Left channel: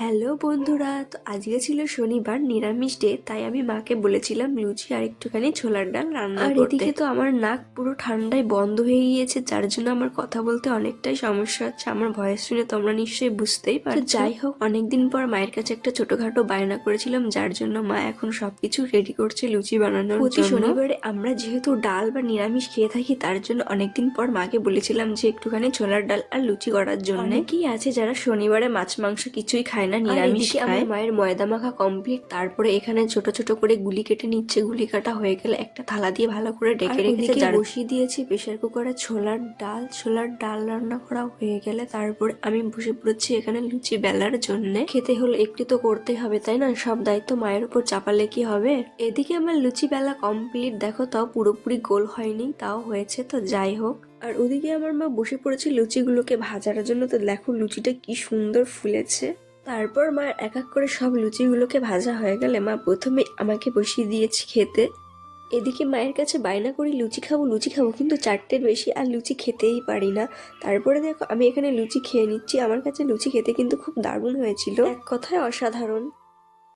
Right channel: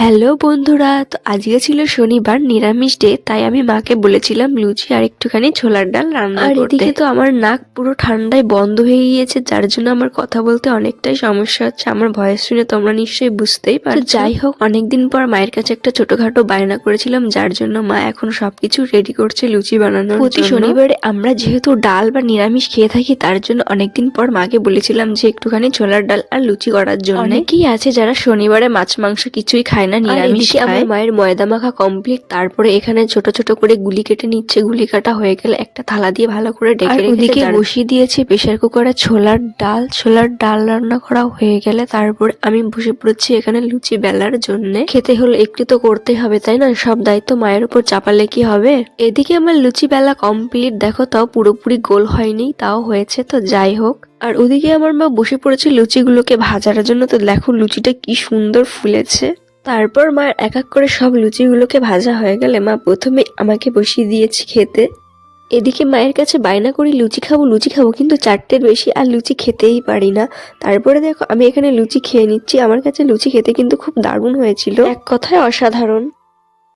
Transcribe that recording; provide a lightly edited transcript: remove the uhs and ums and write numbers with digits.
Hello বন্ধুরা, তো আজকে ছিল শনিবার, নিরামিষ ডে। তাই আমি মাকে বলেছিলাম লুচি আর একটুখানি ছোলার ডাল রান্না করতে। আর এদিকে তো আমার নাক পুরো ঠান্ডায় বন্ধ হয়ে গিয়েছে, যার জন্য আমার কথা বলতে অনেকটাই সমস্যা হচ্ছে। আমার ভয়েস শুনে তোমরা নিশ্চয়ই বুঝতেই পারছো। যাই হোক, অনেকদিন পর মায়ের কাছে একটা ছোটখাটো বায়না করেছিলাম, যার জন্য মা এখন সবকিছু রেডি করছে লুচি বানানোর। প্রতি শনিবারে আমরা যেহেতু ডাল বা নিরামিষ খেয়ে থাকি, তার জন্য অনেকদিন পর মাকে বলেছিলাম যে একটুখানি ছোলার ডাল আর লুচি করার জন্য। অনেকেই আছে যারা শনিবারে মাছ মাংস কিছুই খায় না, নিরামিষ খায়। আমার মায়ের ময়দা মাখা কমপ্লিট। তারপরে এখানে ছোট ছোট করে গুলি কেটে নিচ্ছে। গুলি কাটা হয়ে গেলে একটা থালা দিয়ে ভালো করে ডেকে ওদিকে বসিয়ে দিয়েছে প্রেসার কুকারে ছোলার ডাল। ছোলার ডাল রান্না করা হয়ে গেলে তারপরে আমি বসে পড়েছি এখানে লুচি বেলার জন্য। খেতে হলে একটু তো করতে হবে, তাই না? সব দায়িত্ব মায়ের উপর চাপালে কি হবে। এদিকে আমার লুচি বেলা কমপ্লিট। দেখো, তাও পুরোপুরি গোল হয়নি, তাও হয়েছে। তো যাই হোক, আর ওদিকে আমার মা বসে পড়েছে লুচিগুলোকে ভাজার জন্য। তো দেখো লুচিটা কি সুন্দর ফুলেছে। তারপর মায়ের এক এক করে সব লুচিগুলোকে ভাজা হয়ে গেলে মা প্রথমে আমাকে বসিয়ে দিয়েছে খেতে। এদিকে মায়ের কাছে বায়না করি লুচি খাবো লুচি খাবো, কিন্তু চারটের বেশি আর লুচি খেতেই পারি না। তারপরে দেখো আমি এখানে লুচি খেয়ে নিচ্ছি। আমার কাছে লুচি খেতে কিন্তু খুব দারুণ হয়েছিল, এক কথায় অসাধারণ।